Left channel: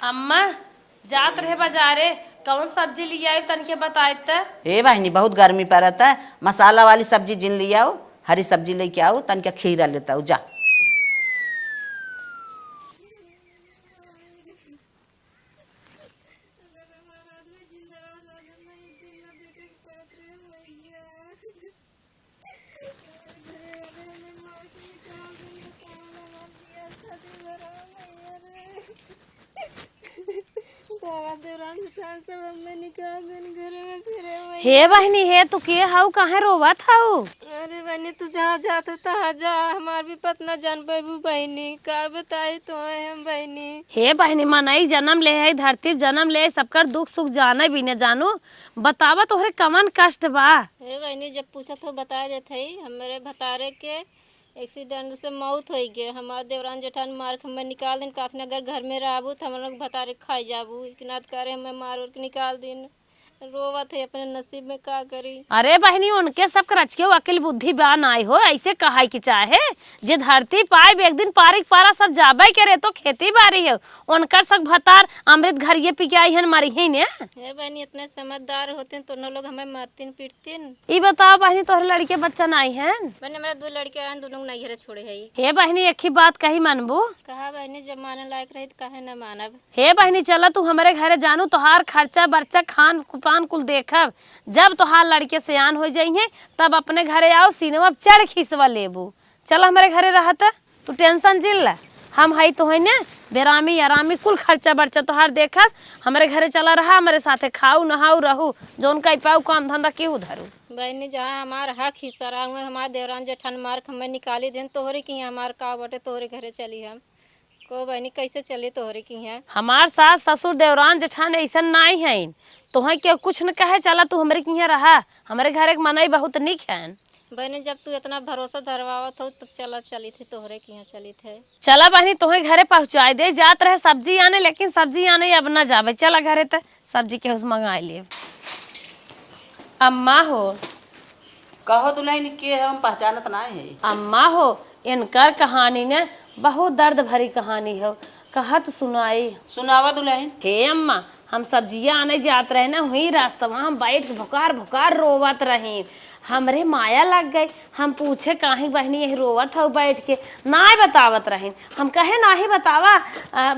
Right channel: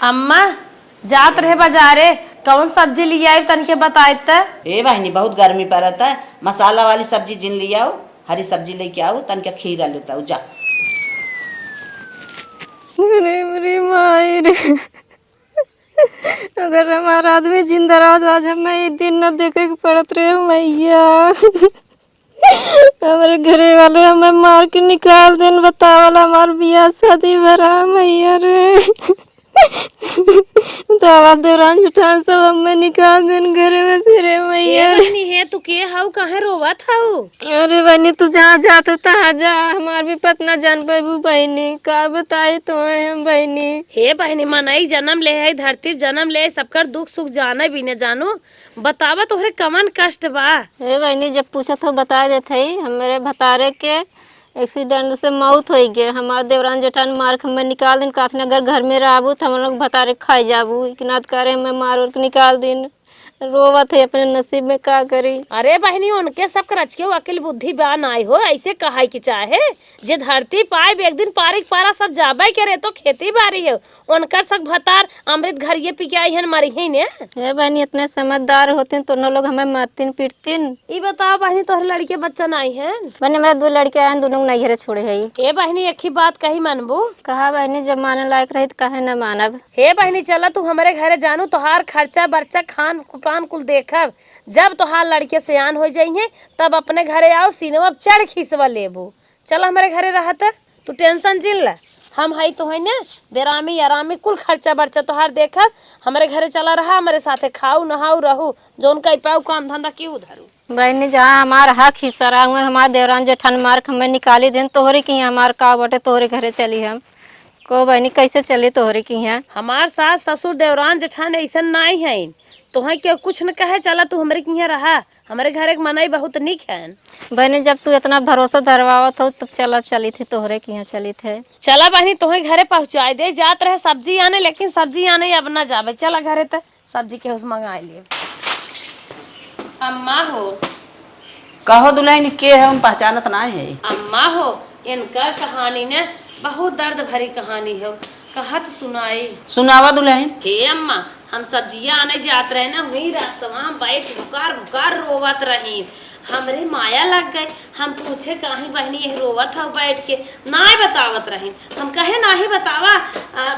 अम्मा जात रहे बाजारे, कौन सब्जी ले आई तनके बताए त। ए बहनी बहुत गर्मी पड़ता है, मसाला वाली सब्जी जिन ले आओ, हरी सब्जी लेके आओ, तन के खीरा लेता हूँ जा। अरे मेरी माई रे, अगर हमारा आदमी जिंदा रहा तो आज हमें ये दिन न देखे के पड़त रहे मैया। हमारे घरे वाले हमें मार के निकाल देन, बतावला हमार बियाह शादी भरा मैया रे। दावा दौरान जुठान सब हमें निकाल देन घरे में से रे मैया। बहनी ए तू के हाउ काहे रोवत हाउ? अरे बहनी तू जहाँ जात तहाँ जा, हमार भी पतना जान पेबू बहनी, का बताई तो हम बहनी। हे बहनी मनई जन्म ले है, धरती जन्म ले, सबकर दुख सुख जाने भी न जानू, बतावा तोहरे कमन कष्ट बा। हे बहनी जब पूछत हो बता देते ही, हमारे भतारे के एक्सीडेंट से मौत हो गए। हमारे देवरान जेठान मार के हमें निकाल दिन, काफी अगर घर में रहबू तो हम लोग भतारे खाई जाबू, इकनाद करे हमें मार के निकाल दिन। रोवत है अपने नसीब में, का करी। अरे बहनी उनके सब करच के अकल बुद्धि बान आई हो, ऐसे कहा की चाहे जे धरती पाए एक दिन पारिक पारा सब जाबे करे तो खेती बारी है, उनकर सब भतार अमृत घर ये पी के आई है मरी ही ने। हे बहनी इतने समझदार होते तो न लोग हमें मारतीन पीटतीन। ये बताओ बहनी तोहर लड़के बच्चा नहीं है? बहनी मेरे 2 लड़के आए, दोनों नहीं घरे छोड़े है। हे बहनी एक ही बात कही मनबू? कहा बहनी जब माने लायक रही तो कहे न मानब। हे बहनी चला तू हमारे घरे जानू, तोहार खर्चा बर्चा खान पान कुल देखब, जब तोहार लड़के सियान हो जाइए तब अपने घरे आओ, सीनवा चढ़ खीसवा लेबू। चल हमारे घरे रहत, तू टेंशन जिल ला, हम हई तो है ना बेरामी आरामी कुल खर्चा बर्चा तोहार देखब। हमारे घरे चला रहा, हमारे साथे खाऊ नहाऊ रहू, जोन कई पाऊ काम धंधा के उधरू। बहनी जहाँ हमारा हक हिस्सा रहा हुआ, हमारे देवरान जेठान मार के हमें निकाली दिन, तोहरे की हमार का बटे तोहरे घरे चली हम को बहनी कैसे चली तोहरे की यहाँ। हमार सास ससुर देवरान जेठान ऐसा नहीं है, तोहे के कुछ न कहे, चला तू हमारे के यहाँ रहा, हमारे घर एक मनाई बहुत निक है। बहनी जब तू इतना भरोसा धरवावत हो तब चली थी तोहरे के यहाँ चली थे। चला बहनी तुम्हें घरे पहुँचाए दे, जात रहे सब्जी आने, लेकिन सब्जी आने अब ना जावे, चला घरे तो सब्जी के उस मंगा ले। अम्मा हो। कहो दुल्हन के है, उन पहचानत नहीं है। अम्मा हो इनकर कहानी ने बहुत दर्द भरी कहानी है, कहत सुनाई। सुनावा दुल्हन। हे अम्मा हम सब्जियां आने जात रहे ना, वही रास्ता हम बैठ भुकार भुकार रोवत रहे, हमरे माया लग गए। हम पूछे काहे बहनी यही रोवत हो बैठ के, ना बतावत रहे। हम कहे ना ही बतावा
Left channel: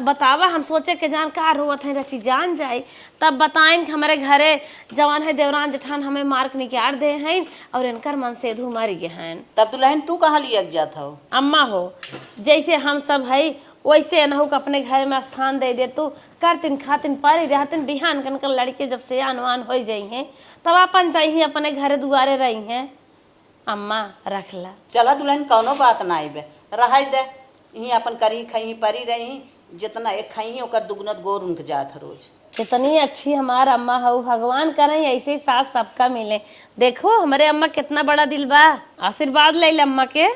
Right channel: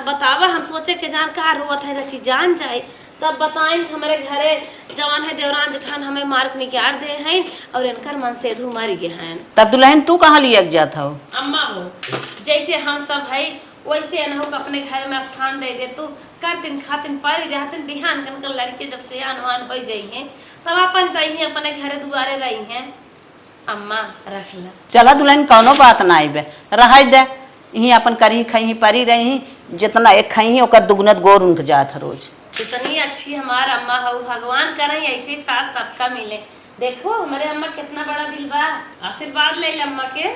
बतावा, हम सोचे के जान का रोवत है रची जान जाए, तब बताएं हमारे घरे जवान है देवरान जेठान हमें मार्क निकाल दे हैं और इनकर मन से धू मर गए हैं। तब दुल्हन तू कहाँ लिया जात हो? अम्मा हो जैसे हम सब है वैसे नहु अपने घर में स्थान दे दे, तो करतिन खातिन पारी रहतिन, बिहान कनकर लड़के जब से आनवान हो जाई हैं तब अपन चाहिए अपने घरे दुआरे रही हैं। अम्मा रख ला। चला दुल्हन कौनो बात ना बे, रह दे यही अपन करी खही परी रही, जितना एक खही ओकर दुगुनत गोर उनक जात रोज। इतनी अच्छी हमारा अम्मा हो, भगवान करें ऐसे ही साथ सबका मिले। देखो हमारे अम्मा कितना बड़ा दिल बा, आशीर्वाद ले अम्मा के।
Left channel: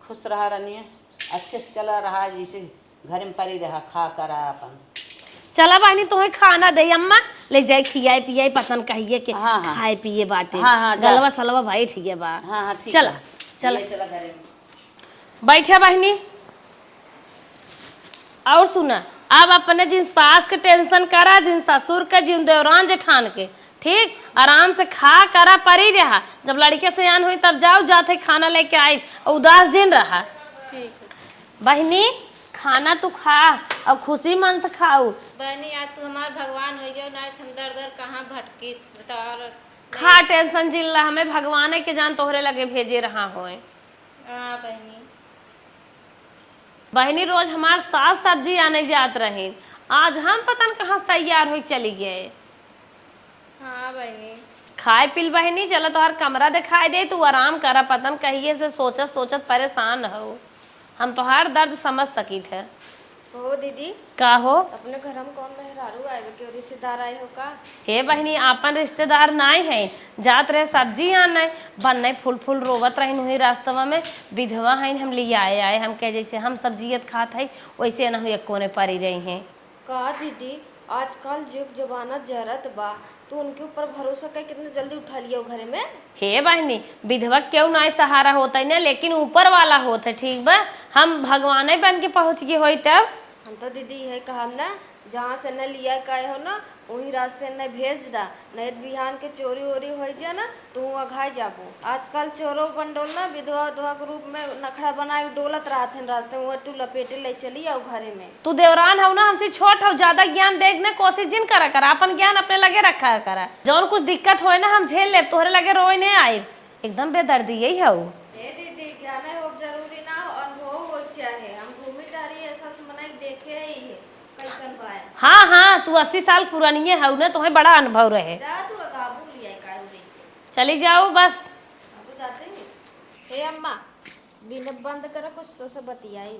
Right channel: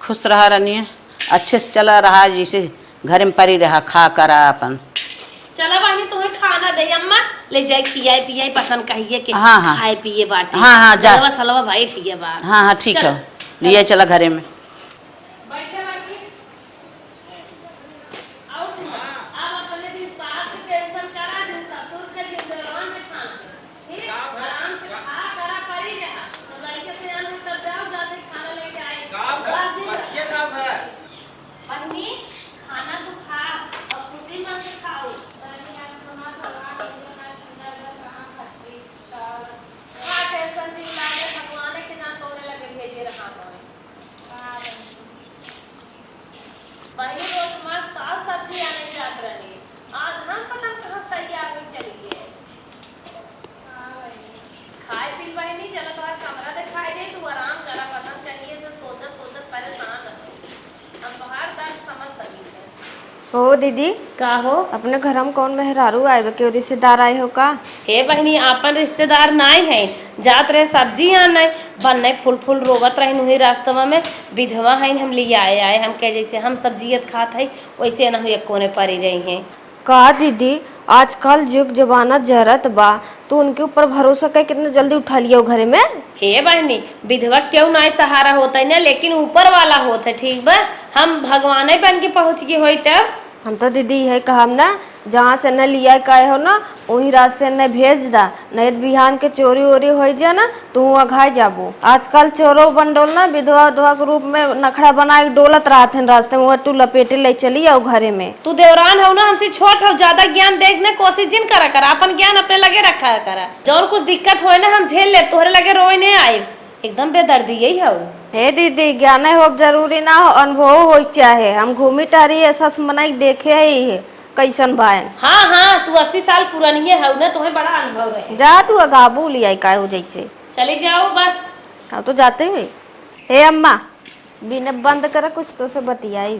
खुश रहा रनिया, अच्छे से चला रहा, जैसे घर में परी रहा, खा करा अपन। चला बहनी तुम्हें खाना दे अम्मा, ले जाए खियाए पियाए पसंद कहिए कि हाँ हाँ खाए पिए बाटे। हाँ हाँ जा सलवा भाई ठीक है बा। हाँ हाँ ठीक है, ये चला घरे में बैठा बहनी। और सुना अब अपने जिन सास के टेंशन करा, जिन ससुर के, जिन देवरान जेठान के, ठीक आराम से खा करा परी रहा, जब लड़के से आन हुई तब जाओ जाते खाना लेके आए, उदास दिन रहा। बहनी खाना तू खा और खुशी मन से खाऊ। बहनी आप तू हमारा भगवान हो जाओ ना, हम दर दर कहाँ भटकी बताओ। खा टेंशन जिल्ला, हमें भगवान के जान तोहरे लगे भेजे रहा होए। हाँ बहनी। बहनी रोज हमारे साथ सब्जी आने जात रहे, आज हम पता न कहाँ तैयार हुई चली गए। हाँ बहनी। खाए पिल बहनी, चलो तोहर कमरा दिखाई दे, तू आराम करा, पतन कहिए से सोचत सोचत परेशान हो, हम तोहार दर्द समझ सकी थे। हो दीदी का हो? अपने घर में कौन मेहरारू आए के रिश्तेदार आए हो का? हे बहनी आपन रिश्तेदार नहीं है, जात रहे सब्जी आने बनने, फूल फूल रोवत रहे वही रास्तवा में, विधवा है हम लिए आए हम के जैसे हम सब्जियत खात है वैसे न एक कोने पड़ी रही हैं। का दीदी आजकल जुग जमाना जरत बा तो उनके ऊपर भरोसा कर कितने जल्दी उठा लिया घरे में। हे बहनी, विधवा क्यों ना सहारा होता है ना, लेकिन ऊपर वाला होता है, ठीक बा। हम भगवान बन के पहुंच गई होई तब। हम तो दीदी यही कहम ना, जहाँ से न लिया का हो ना वही रास्ते न भेज दा, नहीं तो बिहान के चोरी वोरी हो जाए ना तो वहाँ घाय जाबो। आजकल चोरो बंडोल ना विधवा उधवा के रूप में नखड़ा बना के डोलत रहते हैं रास्ते में, टू लपेटे ले चली आओ घरे में। तू देवरान हो ना, हमसे छोट हो, ज्यादा ज्ञान देखने कोशिश जिन करा करा, अपन ज्ञान अपने लगे रखा करा। जौन कुछ दिक्कत होए ना हम झेल ले, तोहरे लगे रोए नहीं आए, एकदम बेदर्दी यही हो। हे दीदी ज्ञान हो जरूरी ना हो, अनुभव हो चाहे। हम घूमी टहरी ऐसा मनाई देखे ही है कैसन भाई। हाँ हाँ, तू 80 साल पुरानी है ना, तुम्हें बड़ा अनुभव रहे। जा तू अगाबू लिया का हो जैसे चले जाओ बस। हाँ तो जाते हुए। हे अम्मा बिना बंद करा कुछ तो से बतियाई।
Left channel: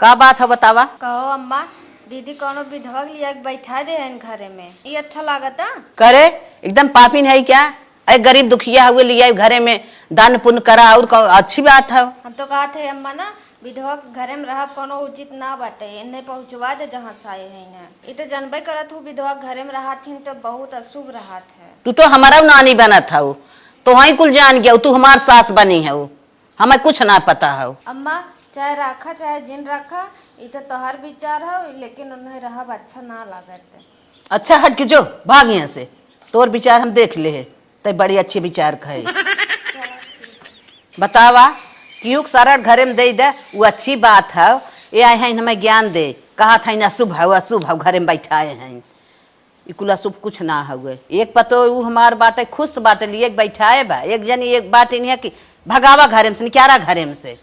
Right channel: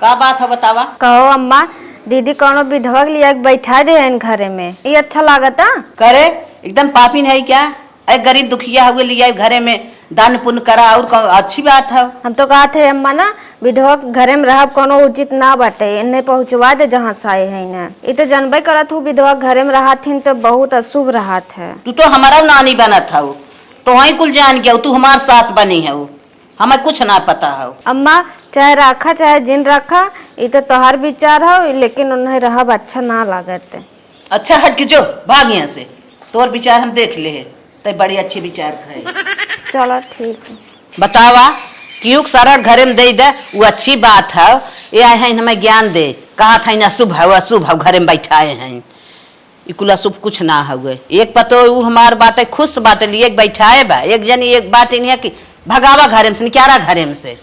का बात है बतावा। कहो अम्मा, दीदी कौनो विधवा के लिया बैठा दे इन घरे में, ये अच्छा लागता। करे एकदम पापी है क्या? अरे गरीब दुखिया हुए लिया घरे में दान पुण्य करा, और अच्छी बात है। हम तो कहा थे अम्मा ना विधवा घरे में रह कोनो उचित ना बाटे, इन्हें पहुँचवा दे जहाँ से आए है ना। ये तो जानबे करत हूँ विधवा घरे में रहा थी तो बहुत अशुभ रहा है। तू तो हमारा नानी बनत है, तो वही कुल जान गया, तू हमार सास बनी है, हमें कुछ ना पता है। अम्मा चाहे रखा चाहे जिन रखा, ये तो तोहर विचार है, लेकिन उन्हें रहा अच्छा ना लागत। अच्छा हट के जो भाग यहाँ से, तोर विचार हम देख ले है, तो बड़े अच्छे विचार खाए। चलो ठीक है। बतावा क्यों सारा घरे में दे दे, वो अच्छी बात है। ये आए हैं हमें ज्ञान दे, कहा था ना शुभ है अशुभ है, घरे में बैठाए हैं इकुला शुभ कुछ ना हुए। एक पतो वो हमार बात है, खुश बात है, लिए बैठाए बा एक जनी, एक बात नहीं है कि भगावा घरे में से, निकारा घरे में से।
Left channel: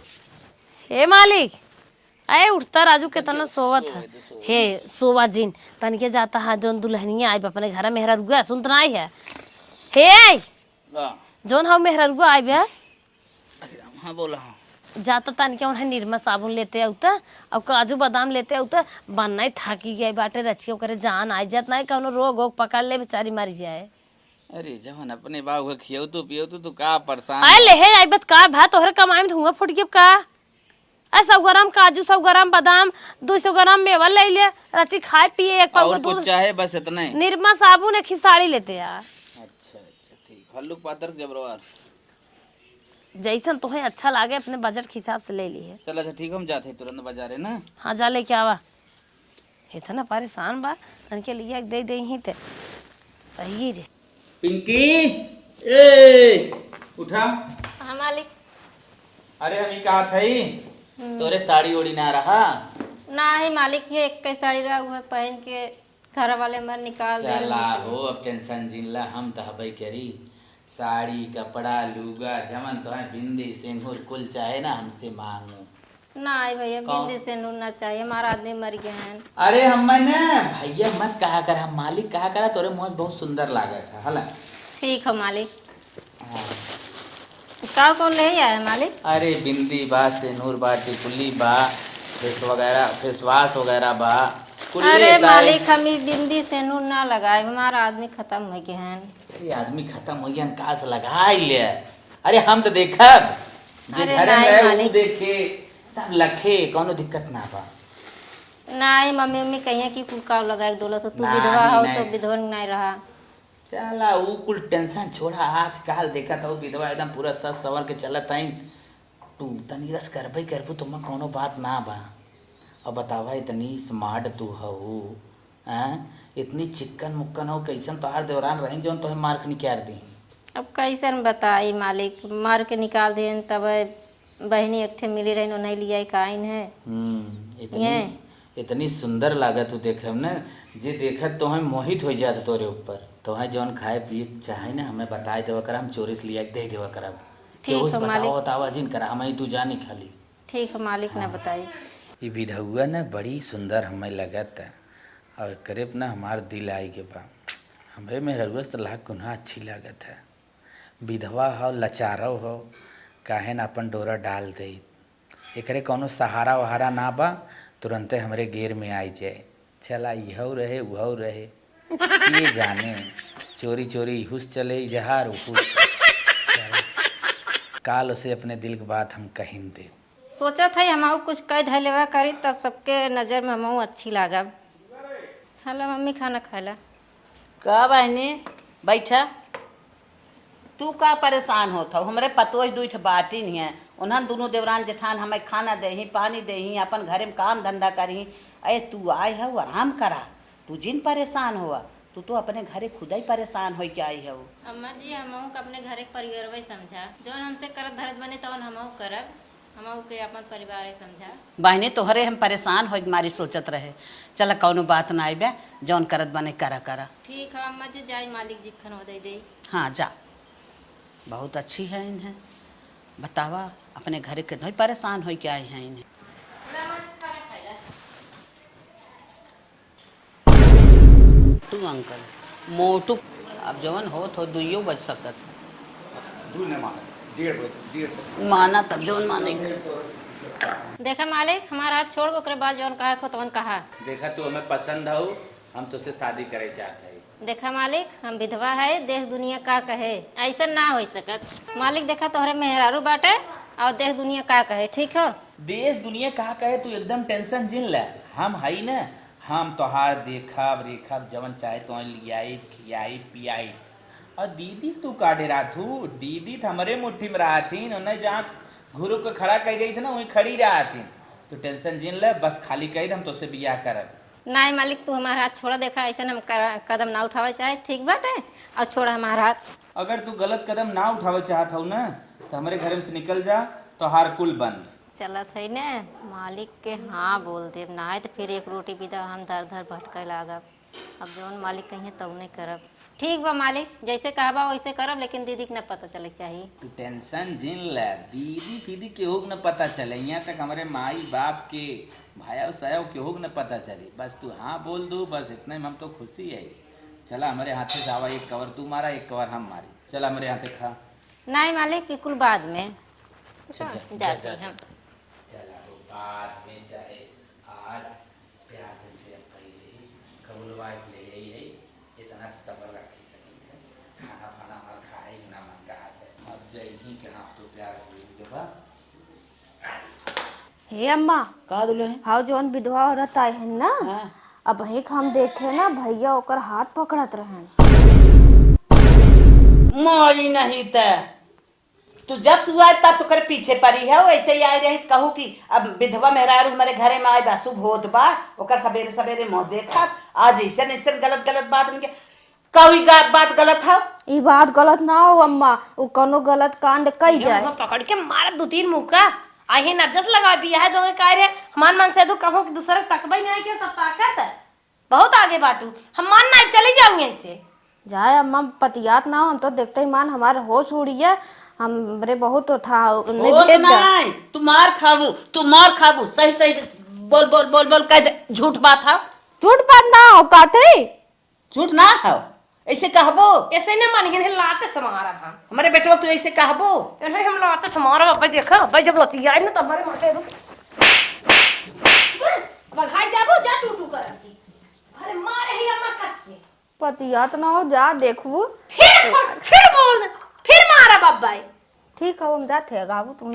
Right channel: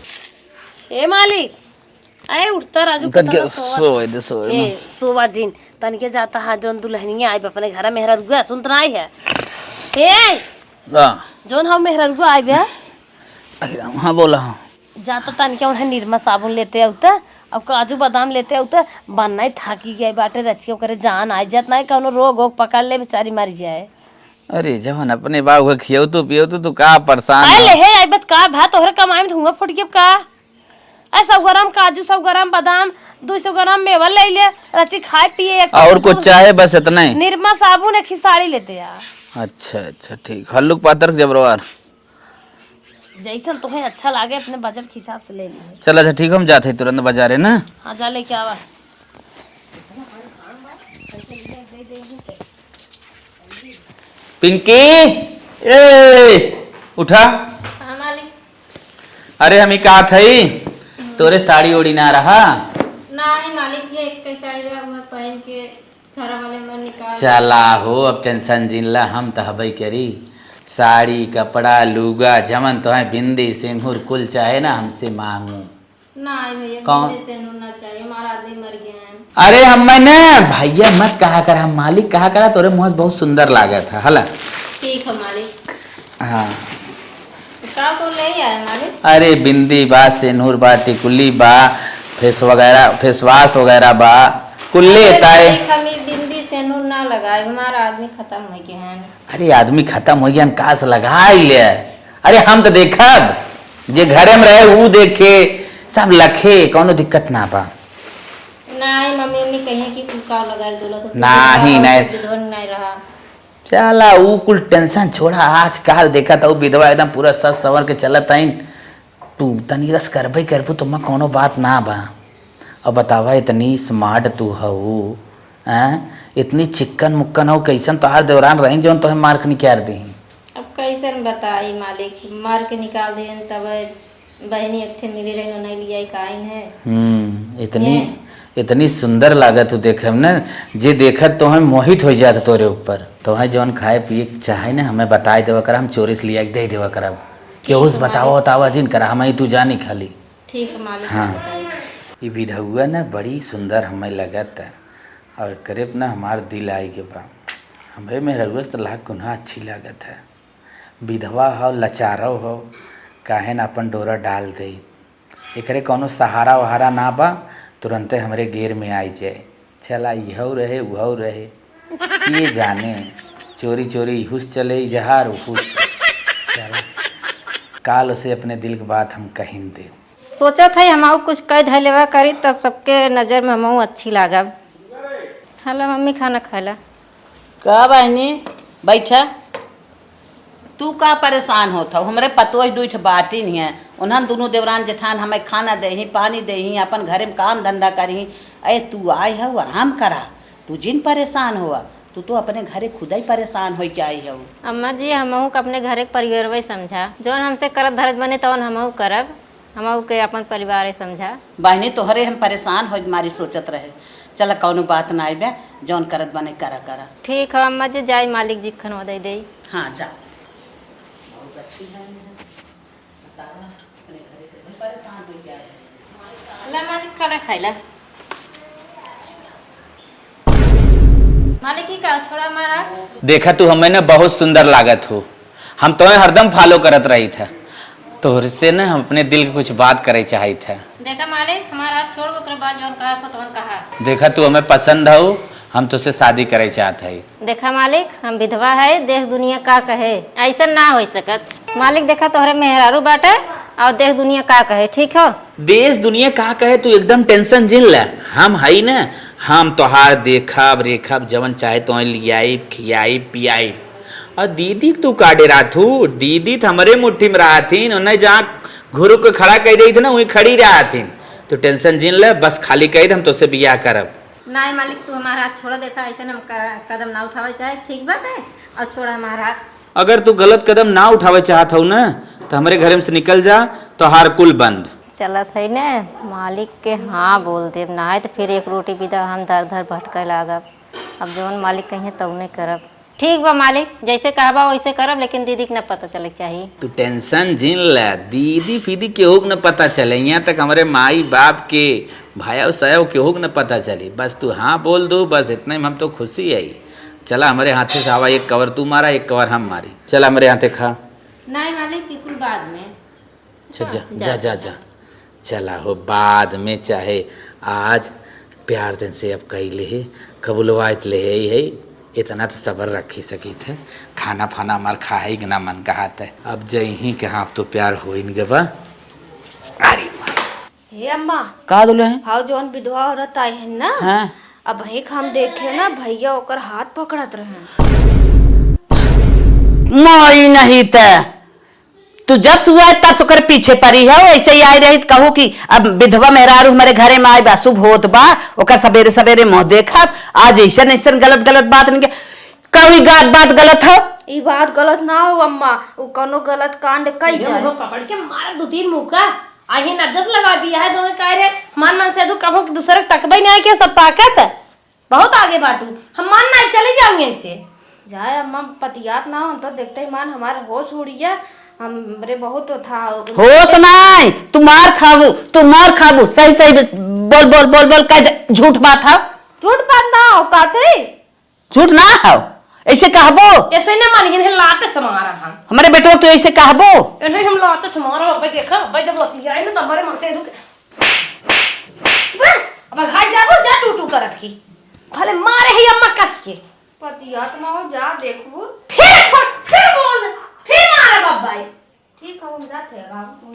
ए मालिक, अरे उठता राजू के तना सोवा जिन तनिके जाता है, जोन दुल्हनिया आई अपने घर में मेहरा रुआ सुनत नहीं है। हे जोन हम मेहरा रुआ आई बे। हाँ बोला। हाँ जाता तनिके उन्हें निर्मा साबुन लेते आउता, अब काजू बादाम लेते आउता, बनना थाकी गई बाटे, रच के ओकरे जान आ जात नहीं, कौनो रोग वोग पकड़ ले बेचारी मर जाए। अरे जवन अपने बाबू के खियो तो पियो तो तू का परेशान आले है आई बत का भा तोहरे कमाई में धुआं फुट के का। 100 ग्राम काजू, 100 ग्राम बादाम, 200 ग्राम मेवा ले ले, रची खाए पिए। और कुछ चाहे बस इतना ही। निर्मा साबुन एक साड़ी लेते यार। अच्छा अच्छा ठीक, हल्लुक पातर जबरवार जैसन तुम्हें अच्छा लागे अपने बजट के हिसाब से ले लिए। चल अच्छा ठीक, हम जाते तुरंत बाजारे ना। हाँ जा लेके आवा। इतना परेशान बात करके लिए दे दे ही थे सही रे। पिंकी ए उठा। हाँ मालिक। अरे हमी कहा थई तोरे साड़ी ओड़ी ना रहा। नहीं मालिक जी, एक साड़ी रहा हुआ पहन के घर वाले मन निकाल। चला हो अब टेंशन जिनला, हम तो हबई करी साड़ी कपड़ा लुगा जमन तो है, बिंदी सिंदूर कुल चाहे ना हमसे मांगू। नहीं भैया, कौन? बिंदी से नूरना चाहिए, हमारा आदमी मर गया है। अरे हमने भैया मत कहा कर, हम मालिक कहा करा, तोरे मुँह से बहुत सुंदर लागा था। हला ठीक है मालिक। हाँ का कौन नहीं आया मालिक? अरे बिंदी बा, सिंदूर बा, टिकुली बा, फेस वगैरह फेसवाश वगैरह बा, कुल्ले ताए। हमें बिंदी से नूर ना लगाए, हमारा आदमी खत्म हो गया है। अरे आदमी खत्म हो गया, काश लगा ले। अरे हम तो देखा जे घरे में रहे वो देखे सब लखे, कोनो दिक्कत ना बा। नहीं मम्मी मम्मी कहे कि तू का लगा डोला तो नहीं नहीं विधवा नहीं रहा। चला वो कुल टेंशन छोड़ा, आज काल देखा था वो विधवा एकदम पूरा सस सवर के चलत आई। तू तनी रस करबे करबू तो मैं कोनो बात ना बा। अब बतावा इतनी स्मार्ट तू हऊ, इतनी चिक्कन मुक्कन हो, कैसन तोहार दौरान रही जो तो मार्क निकाल दी। अब कैसन बताई मालिक, मार के निकाल दे तब बहनी अट्ठे मिली रही नहीं लिया काइन है। इतनी सुंदर लागत तू देखे ना, जे देखत तो हम मोहित हो जात तोरे ऊपर। तो है जौन खाए पिए चाहे ना हमें बताए देवा कर, हम चोरी से लिया दे देवा करब। केहू से बताओ बतावा जिन करा, हम तू जानी खाली। ठीक मालिक। हाँ ये विधवा ना बड़ी सुंदर हमें लगत है, और करीब ना हमार दिल आई के बा। हमें मेहरुआ तो लाख गुना अच्छी लागत है। विधवा हो लचारो हो, काहे ना अपन डोरा डाल दे, एकरे कोनो सहारा वहारा ना बा, तुरंते हमरे घेर में आई जाए। चला यह रहे वह रहे, ये जाने चोरी चोरी हुस चले जहार हुस। चला काल उसे अपने दिल की बात हम कहिन दे। सोचा था हम कुछ कह धलेवा करी तब सबके नज़र में हम अच्छी लागब। हेलो मम्मी, खाना खाला। का बहनी बैठा। तू का परेशान होता हमरे पतोह दूठ बाटी नहीं है उन्हन दोनों देवरान जेठान हमें खाना दही पानी दही अपन घरे में काम धंधा करही। अरे तू आई हो आराम करा, तू जिन परेशान हुआ तू तो अपने घरे खुद ही परेशान हो के आई हो। अम्मा जी, हमहू के अपने घर के परिवार वही समझा, जौन हमसे करत धरत बने तौन हमहू करब, हमहू के अपन परिवार समझा। बहनी तोहरे हम परेशान हो मारी सोचत रहे। चल कौनो बात ना आई बे, जौन करत बने करा करा। ठीक है अम्मा जी, जाई मालिक जी खनवा दे। हाँ जा, बहुत अच्छी है इन्हें। बतावा अपने घरे के धोई परेशान हो के आए हैं इन्हें। ला मालिक, खाना खाइला। मालिक जी का छोड़ा मारा। मोटू देखा तू हमें ना बहुत सुंदर लागत हो, हम तुम्हें हरदम फॉलो करत रही थे, तोहर से ना हम अपने दिल की कुछ बात करे चाहे था। देखा मालिक, हमारा हाथ छोड़ ओकरे बाद जौन कहा को तौन कहा। देखा तू हमें पसंद हो, हम तुझसे शादी करे चाहत है। देखा मालिक, हम विधवा है, देश दुनिया का कहे ऐसा ना हो सकत। मालिक देखा तोहरे मेहरारू बाटे और देश दुनिया का कहे, ठीक हो। देश दुनिया का कहे तू एकदम टेंशन जिन ले, हम हई ना, हम तोहार देखब रेखब जवन चाहे तो लियाई खियाई पियाई। और दीदी तू का डेरा थू, दीदी तो हमारे मुट्ठी में रहा थी, उन्हें जहाँ घुरु को खड़ा कर दी थी ना वहीं खड़ी रहा थी। तो टेंशन जिन ले, बस खाली कही हम तुझसे बियाह करब। नहीं मालिक, तू हमारा हाथ छोड़। देखा ऐसे हम कदम ना उठावे चाहे, ठीक बात है, और छोड़ा हमारा हाथ। अगर तू गलत कदम ना उठावे चाहत हो ना तो हमारे घर में से निकल जा, तो हार कुल बंद। चलत है ना, मालिक के हाँ बोल दे, ना है तो फिर एक रोटी बिदा हम दर दर भटके लागब। अब जौन मालिक कहे तो नहीं करब। ठीक बा मालिक, जैसे कहबा वैसे करब, लेकिन दीदी के न पता चले चाहिए। तू टेंशन जिन ले, दीदी फीदी केहू के न पता चले, यहाँ तक हमारे माई बाप के भाया सया केहू के न पता चली। बस तू हाँ बोल दो, बस इतने में हम तो खुशी आई। चला हमारे हाथे से आवा, एक कवर तू मारा एक कवर हम मारी। चला हमारे हाथे खा। नहीं मालिक, बिल्कुल बाद में। जा जा जा जा, चला हो बाद में, चाहे आज प्यार दिन से अब कही ले कबूलवायत ले है, इतना तो सब्र रखी सकी थे। खाना फाना हमार खाए कि ना मन कहत है, अब जही के हाँ अब तो प्यार हो इन गबा। अरे हे अम्मा, का दुले हैं? हाँ जौन विधवा औरत आई है ना, हाँ अब वही हम देखे ना भैया ओकर हाथ पकड़त रहे। मोई नहीं ते तू जब सुआ तब सुकर पीछे पड़ी है, ऐसे ही आई रही कहू कि अब विधवा मेहरारू हमारे घरे में आए बा शुभ होत बा, ओकर सवेरे सवेरे मुँह देखब। आज ऐसा ऐसा गलत गलत बात नहीं कभी बात गलत हो। ई बात गलत ना हो अम्मा, वो कोनो गलत कांड कई जाए। पकड़ के मारा दो तीन मुका आही नजस लगा दिया है दोनों काय है। मन मन से तू कहो कि दूसरे तकबई नहीं के सब ताकत है बहुत आगे बाटू, हम मान ना चली जाऊंगे इससे। जाए अम्मा, पतियात ना हो, हम तो देखते ही मान हमारे होश उड़िए, हमरे बहुत था होश नहीं, तू मार खाबू सही सही बोल बोल बोल बोल कह झूठ बात है। झूठ बात ना हो काते, झूठ ना हो, ऐसे कहबो। ऐसे न मन हिन लाते समारा हम हमारे बेटो तो ऐसे कहबो। इन्हें हम लाते समारा बाबा देखा बाबा जब रोती आई ना तो हमारे माथे रुक अब घर जाबो जा टूटू करत की भले मारे ही अम्मा कस के। पतियात ना हो, जा देखबू फिर बोल दे, फिर मारा बाबा। ठीक है, हम जाते हैं गाबू तुम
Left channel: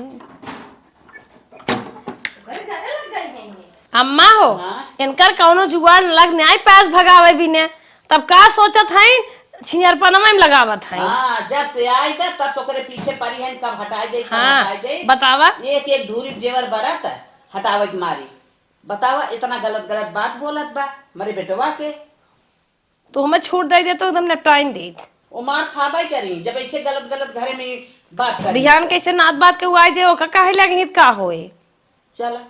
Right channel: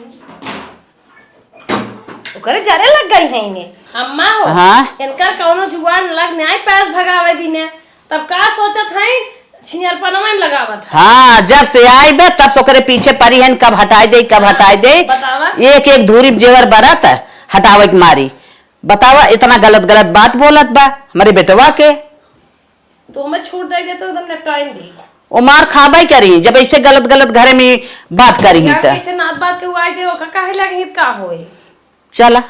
ओकरे जरे लग गई है इन्हें अम्मा हो। हाँ? इनकर कौनो जुगाड़ लग न्याय पैस भगावे बिने तब का सोचत है छियरपनमा में लगावत है। हाँ जब से आई बे तब से ओकरे पीछे परी है, कब हटाई दे कब हटाई दे। बतावा एक एक धूरी जेवर बरत हटावे के मारी। बतावा इतना गलत गलत बात बोलत बा हमारे बेटवा के। तो हमें छूट दे तो एकदम निपटाइन दी। ओ मार खाबाई करी जब ऐसे गलत गलत घरे में बात करी यार कैसे नात बात के उआई जे ओका काहे लगे का होए। चला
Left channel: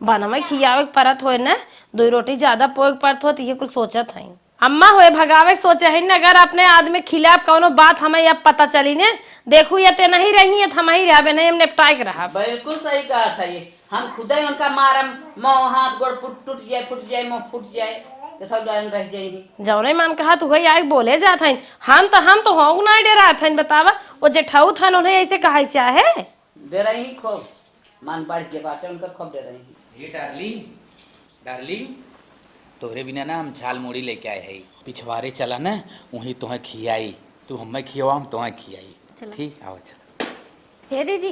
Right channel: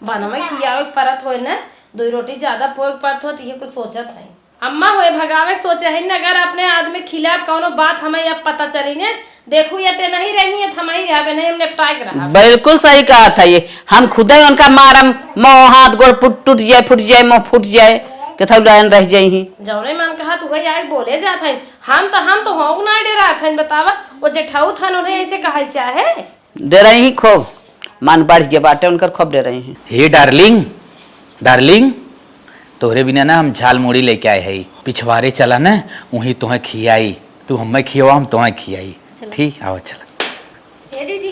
बनवे खियावे परत होए ना, दो रोटी ज्यादा पोग परत हो तो ये कुछ सोचत है अम्मा होए भगावे सोचे है ना। अगर अपने आदमी खिलाफ कौनो बात हमें अब पता चली ने देखू ये ते नहीं रही है हम ही रहबे नहीं, हम निपटाए के रहा। बिल्कुल सही कहा था ये, हम खुद ही उनका मारम मुंह हाथ गोड़ टूट जाए फूट जाए मुंह फूट जाए कथा लाइन रह जाई। जौने मन कहा तू भाई आज बोले जात है हम तो हो ना डरा था। बतावा वो जेठाऊ था उन्हें ऐसे कहा चाहे दे रही ही खूब मान बढ़ के बाटे उनकर खूब दे रही हैं। हे डार्लिंग डार्लिंग, तोहरे बिना ना हम झाल मुड़ी लेके आए है, पिछवाड़े चला ना वहीं तुम्हें खियाई, तू हमें खियावा हम तुम्हें खियाई। ठीक आओ चला। हे दीदी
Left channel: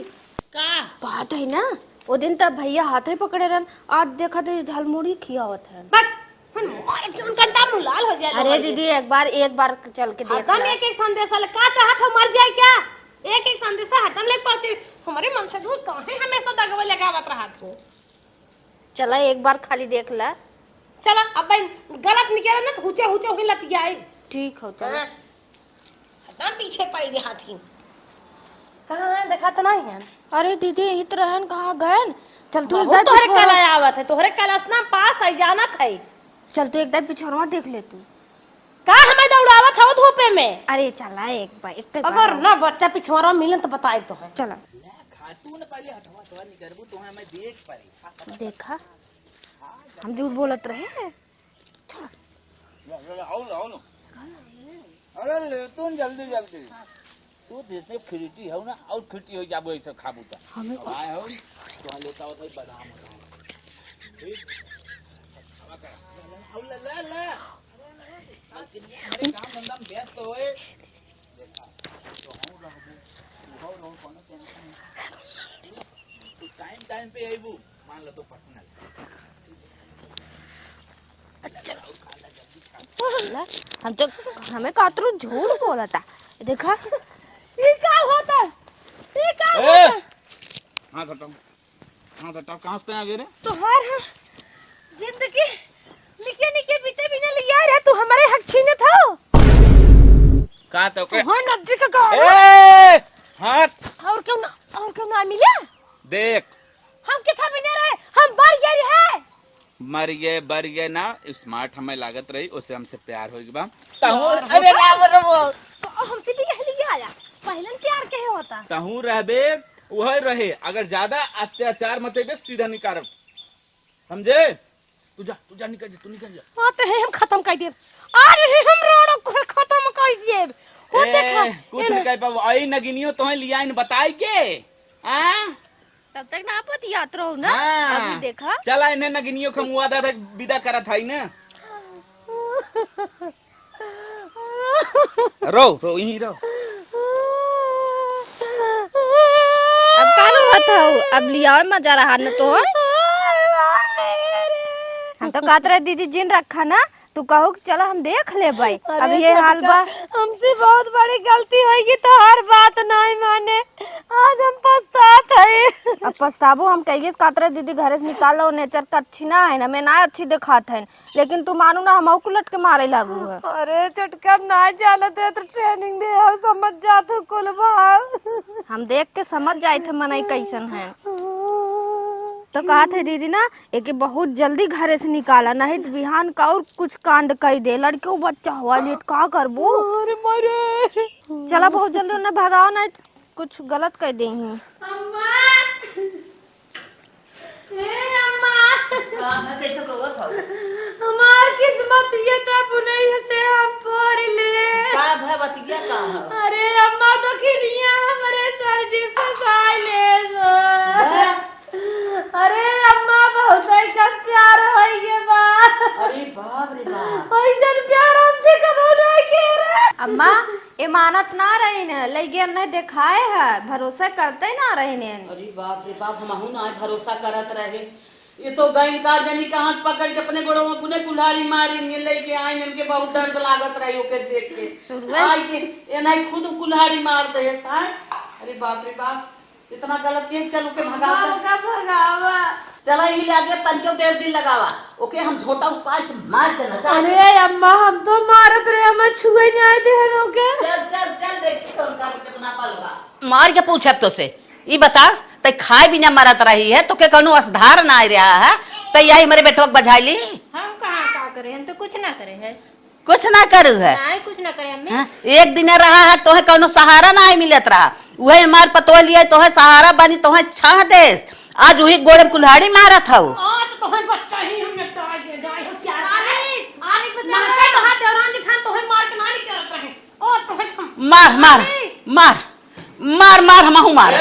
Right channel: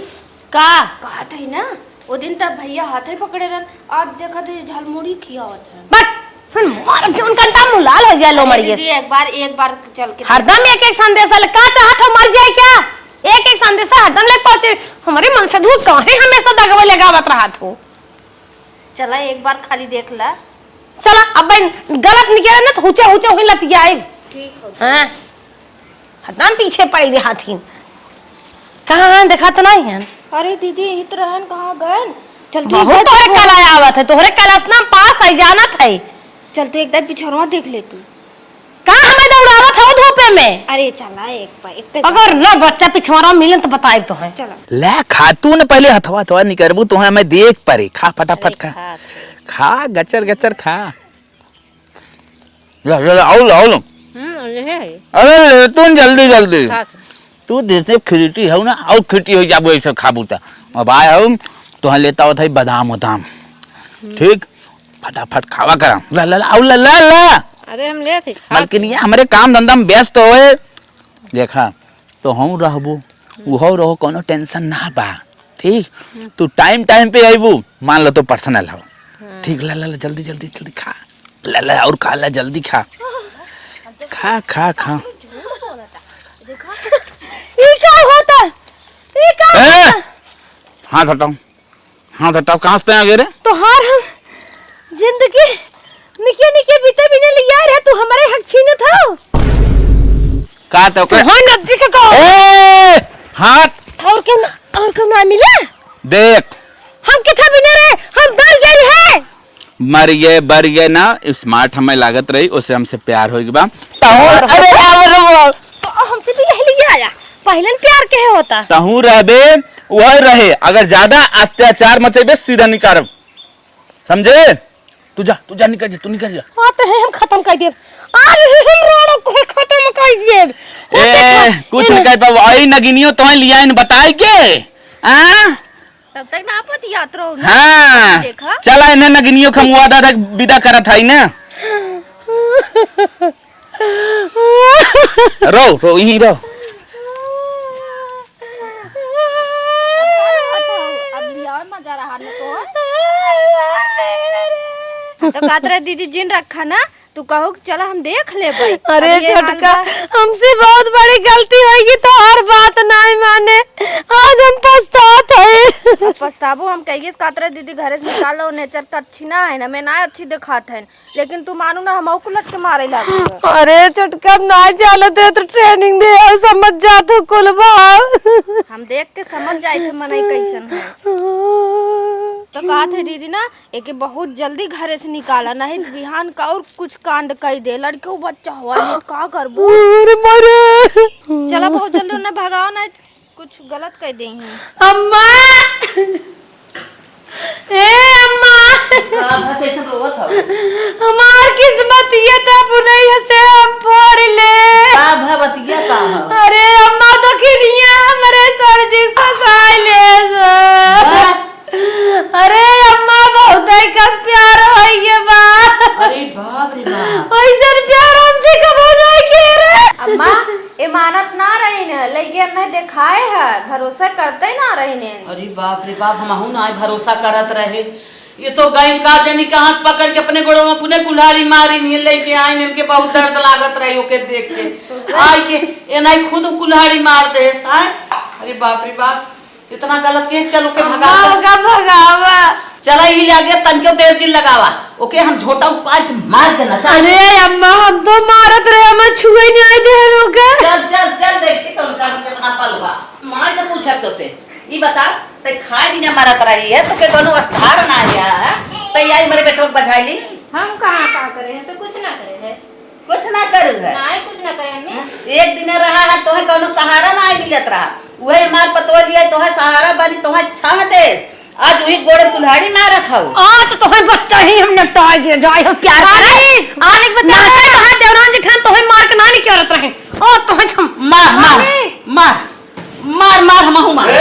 का कहा था ना वो दिन तब भैया हाथ ही पकड़े रहन, आज देखा थे झालमुड़ी खियावत है। बट फिर मार जोन कंटा मुलाल हो जाए लो मरिए दीदी एक बार चल के हरदम एक एक संदेशा ले का चाहत हो मर जाए क्या एक एक संदेशा हरदम ले पहुंचे हमारे मन से दूर काहे हमेशा दगवे लगावत रहत हो चला एक बार खाली देख ला चला अब गलत निकले ना तो ऊंचे ऊंचे हुई लतिया आई ठीक हो हां हरदम पीछे पड़ी रहा थी कहां देखा तो नहीं है अरे दीदी इत रहन कहाँ गए चल तू बहुत तोहरे कला आवत है तोहरे कलास ना पास आई जानत है चल तू एकदम पिछड़वा देख ले तू का हमें दौड़ावत हो धूपे में अरे चला एक अगर ना बच्चा पिछवाड़ा मिले तो बताए तो है चलो ले खा तू न पहले हथवा थवा नहीं करबू तो मैं देख परे खा फटाफट खा खा गचर गचर खा ले आओ अरे तू जल्दी जल्दी तू जैसे खिरटी है ना और खिरटी हो जाबो ऐसे खाबू ता अब आया हूं तो लेता हो था बादाम उदाम ठीक फटाफट खावा करा ला ला आओ ला ला ला अरे हम ले थे मलकिनिया हमारे काम धंधा में व्यस्त होए देखा तो हम रहबो वो रहो कोनो टेंशन ना बा ठीक तू टाइम टाइम पे आइबू मान लो तो पर्सनल हो ठीक ला ला ला जल्दी जल्दी जल्दी खा ला ला और खा ला जल्दी खा हम तो खा खा खा झूठ बोला था देखा ये क्या होता ये क्या ए हाथ हटाओ कहां से आ गए रे तो हार हम जिंदगी निके निके बीते बिना लिया रे तू हमारे हक छीने था का तो तो हो नदी का को ए हाथ और क्यों ना मिला देख हम किथा बिना रे हम डर गए है मरिए बरिए ना स्मार्ट हमें लागत रही उससे हमसे प्यार होई बा अरे तो हमसे भी यही लिया आया पहले प्यार के होता तहू रहबे वह रहे अगर ज्यादा अत्याचार मचेबे सीधा निकारब समझे तू जा निकल जा तू निकल जा आते हैं हम खत्म कर दिए अरे हम रोड को खत्म कर दिए ए कुछ नहीं कर पाओ आई नगिनियो तोहे लिया इन बताई के हां तब तक ना पति यात्रा हो हां देखा चला इन्हें नगिनियो खमुआ दादा विदा करत है ना रो यहीं रो अब का ना बताओ अब लिया मजा रहा न तो कातरा दीदी जिन रखा ना तू कहो चला हम देख ले भाई अरे छोटका हमसे बहुत बड़ी गलती होगी तो हर बात नहीं माने आज हम पछतात है पछताबो हम कहिए कातरा दीदी घर से निकालो नेचर का अच्छी ना है ना मैं ना अच्छी दिखात है लेकिन तू मानू ना हम उलट के मारे लगे अरे छोटका ना चले दे तो ट्रेनिंग दे और समझ जा तो कुल भाव हम देख के समझ जाए थे मनाई कैसन है तो कहा थे दीदी ना एक बहुत जल्दी घर से निकाला नहीं बिहान का और कुछ कांड कह दे लड़के बच्चा हुआ नहीं का करबो अरे मरे चला बहुत जल्दी उन्हें भगाओ नहीं कुछ गलत कह देही अम्मा ए अम्मा कैसे रोवत हो हमार किस्मत ये था पुनः से हम पढ़ ले का भवतिया का हो अरे अम्मा तो किनिया हमारे सर जी फसाई ले अरे अम्मा बहुत ही कस प्यार होई के बा अरे बाप रे बाप ऐसे प्यार हमसे कब नहीं के रे अम्मा इमानत ना रही ने लेके नहीं दिखाए है भरोसा करते ना रही ने अरे बाप रे बाप हमहू ना भरोसा करत रहे ये तो गई का जनी के हाथ पकड़ के अपने गोड़ों में पुने कुल्हाड़ी मारी नहीं लेके आई ने इनके बहुत दर्द लागत रही ओके देख के आई के ए नहीं खुद कुल्हाड़ी मार दे साय अरे बाप रे बाप इतना गलत के चलो के भगावा चला ही लागे तनके देर चिल लगावा ओके हम झोटा उपाय मार के नचा अरे अम्मा हम तो मारत रहे हम छुए नहीं दे रोके चल देखी तो उनका कितना पलवा मार के पूछब तो से ई बता तै खाए बिना मारत रही है तो के कोनो असधार ना आया है तै आई मेरे बेटो के बझाईली हम कहाँ का करे हैं तो कुछ ना करे है कुछ ना करू है ना कुछ ना करे हमें हाँ? एक दिन रहा है तो है कोनो सहारा ना मिलत रहा वही मार पतो लिया तो है सहारा बनी तो है छा दे आज वही गोड़े कुल्हाड़ी मारत हूं आज तो है बच्चा ही हमने टाल दिया जाए हो प्यार करे आने बता कहां देवरान जेठान तो है मार के नानी करत रहे ओ तो है हम मार मार मार मार मार हमहू मार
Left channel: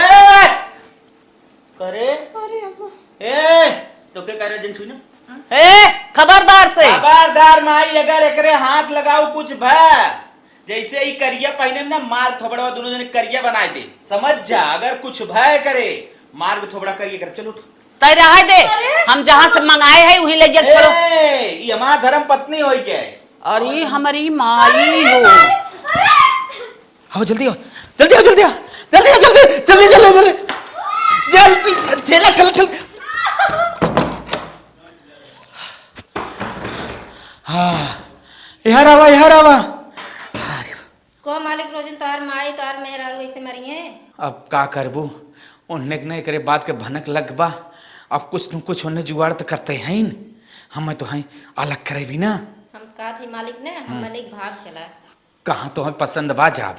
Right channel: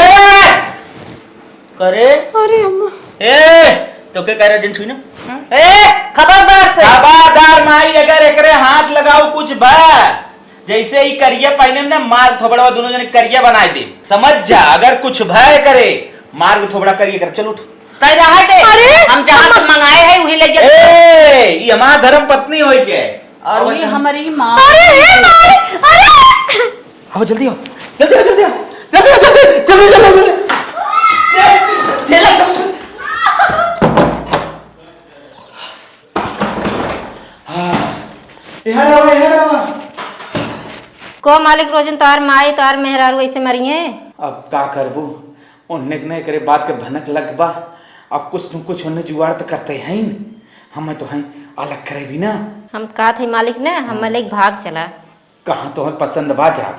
करे अरे अम्मा ए तो के कह रहा जन छुई ना ए खबरदार से खबरदार माई अगर एकरे हाथ लगाओ कुछ बा जैसे ही करिया पहने में मार थोबड़ा दोनों जने करिया बनाए दे समझ जा अगर कुछ भय करे मार थोबड़ा करिए कर चलो कह रहा है दे हम जहाँ से मंगाए हैं वही ले जाते ए ये हमारा धर्म पत्नी होई के और ये हमारी माँ आओ जल्दी आओ जल्दी आओ जल्दी आओ जल्दी आओ जल्दी जल्दी जल्दी जल्दी चल चल चल हाँ यार आवा को मालिक रोजन तार माई तार मेहरारू ऐसे मरी है। अब का करबू उन्ने नहीं करे बात के भनक लग बा। अब कुछ न कुछ उन्हें जुगाड़ तो करते हैं हम तो हैं अलग करे भी ना। हम कहा थे मालिक ने हम एक भाग चला कहाँ तो है पसंद बा जा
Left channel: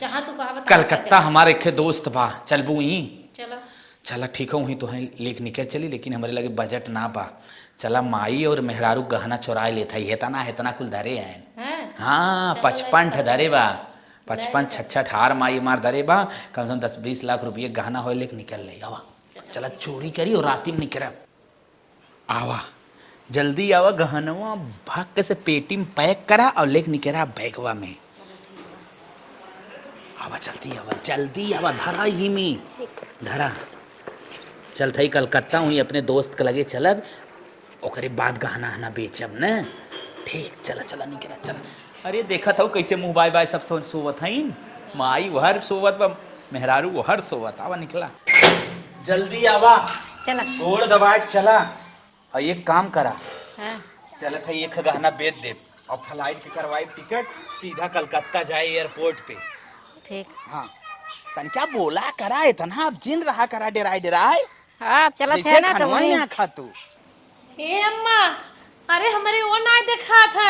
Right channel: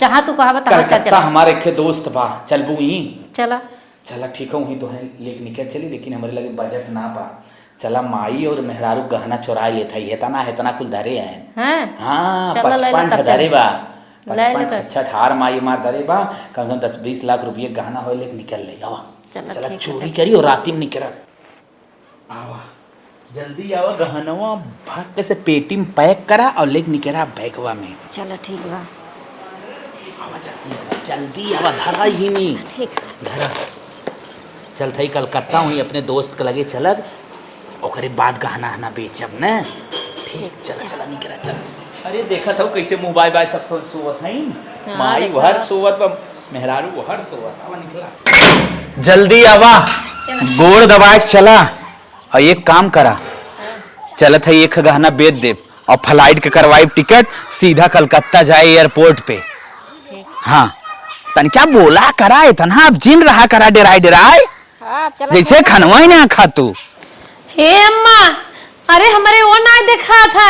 जहाँ तू कहा बता कलकत्ता हमारे के दोस्त बा चलबू ही चला चला ठीक है वहीं तो है लेक निकल चली लेकिन हमारे लगे बजट ना बा। चला माई और मेहरारू गहना चुरा लेता है हेतना कुल धरे हैं। हाँ 55 धरे बा 55 66 हार माई मार धरे बा कम से कम 10-20 लाख रुपये गहना हो लेक निकल ले आवा चला चोरी करी और राती में निकल आवा जल्दी आवा गहनवा भाग से पेटी में पैक करा और लेक निकला बैगवा में। चलो ठीक बा आवा जल्दी आवा धरा ही नहीं धरा चल थई कलकत्ता हुई अपने दोस्त के लगे चलब ओकरे बाद गहना हना बेचब न ठीक चला निकला चल। अरे देखा था कैसे मुंह बाय बाय सब सोवत हईन माई हर सोवत बा मेहरारू हर सोवत आवा निकला जल्दी आवा गोड़ दबाए चला और एक काम करा चलत है एक गहना बेच दे और फ्लाइट के करवाई टिकट सीधा कलकत्ता जाए एयरपोर्ट पे। हाँ तन क्या बोला करा इतना अब जिन रहा करा डेराय जैसे खनवा ही ना खा तू। हे अम्मा अरे हमारे वो ना देखा था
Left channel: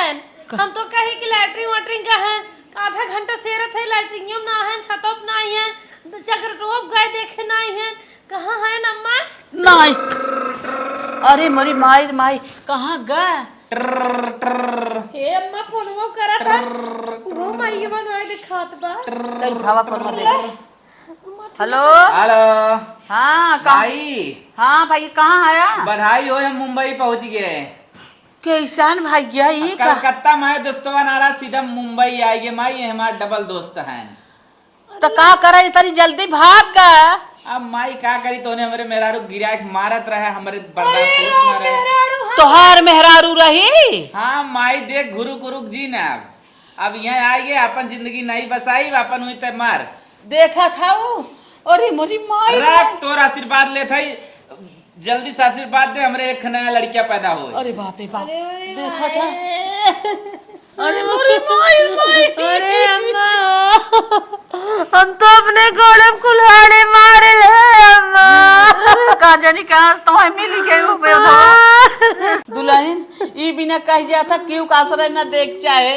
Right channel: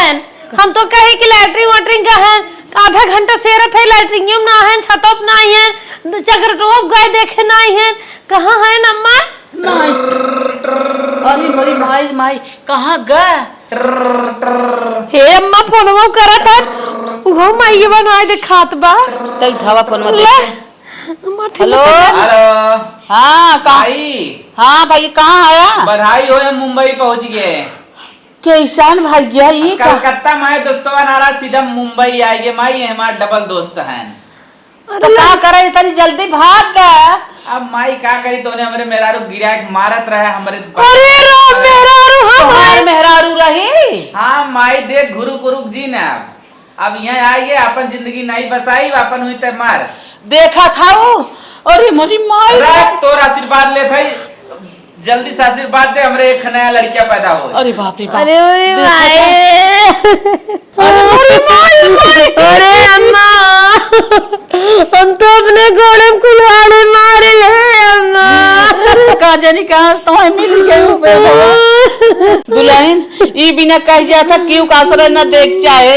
हम तो कहे कि लैटरिंग वाटरिंग का है आधा घंटा सेरत है लैटरिंग में ना है छतप ना है चक्र टोप गए देखे ना है कहाँ है अम्मा नहीं अरे मेरी माई कहाँ गए हे अम्मा फोनवा करा था उहो माई के बनाए देखात बा तो उठावा फोन मत हेलो हाँ हाँ भाई कहाँ आया बधाई हो मुंबई पहुंच गए कैसान भाग्या ये कलकत्ता माए दोस्तवा नारा सीधा मुंबई आएंगे माई हमारे डबल दोस्त हैं तो क्या करे इतनी जल्दी भाग गया। अब माई क्या करी तोने हमारे मेहरारू गिरा मारत रहा हमारे अरे रो मेहरारू हमारे मेहरारू रही। हाँ माई देख गुरु कुरुक जी ने अब यहाँ आइए अपन जिंदगी नहीं बसाई अपन हुई ते मार देखा था वो अरे मेरी माई तोर आशीर्वाद ले थई जल्दी से आशीर्वाद दे हमरे एक नया लड़किया पैदा हो। अरे बाप रे बाप अरे माई अरे अम्मा हम तो अपने घोड़े में कुल्हाड़े मारे हैं अम्मा का जानी कहाँ तो मिल गए दुल्हन ई बिना कह जाता क्यों आश्रय न देख चाहे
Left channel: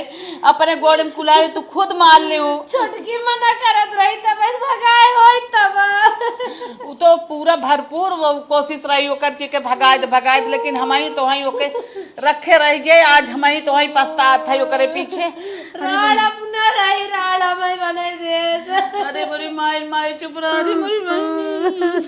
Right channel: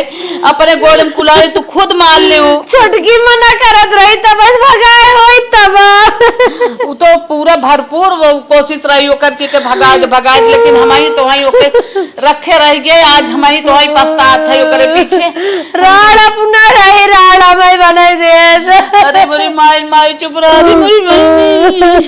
अपने गोड़ में कुल्हाड़ी तू खुद मार ले छोटकी मना करत रही तब भगाए होई तब वो तो पूरा भरपूर कोशिश रही ओकर के भगाए लेकिन हमारी तो वही ओके रखे रह गए आज हमारी तो वही पछतात है ओकरे पीछे राड़ अपना रही राड़ा मैं बनाई दे अरे मेरी माई चुप रह मेरी माई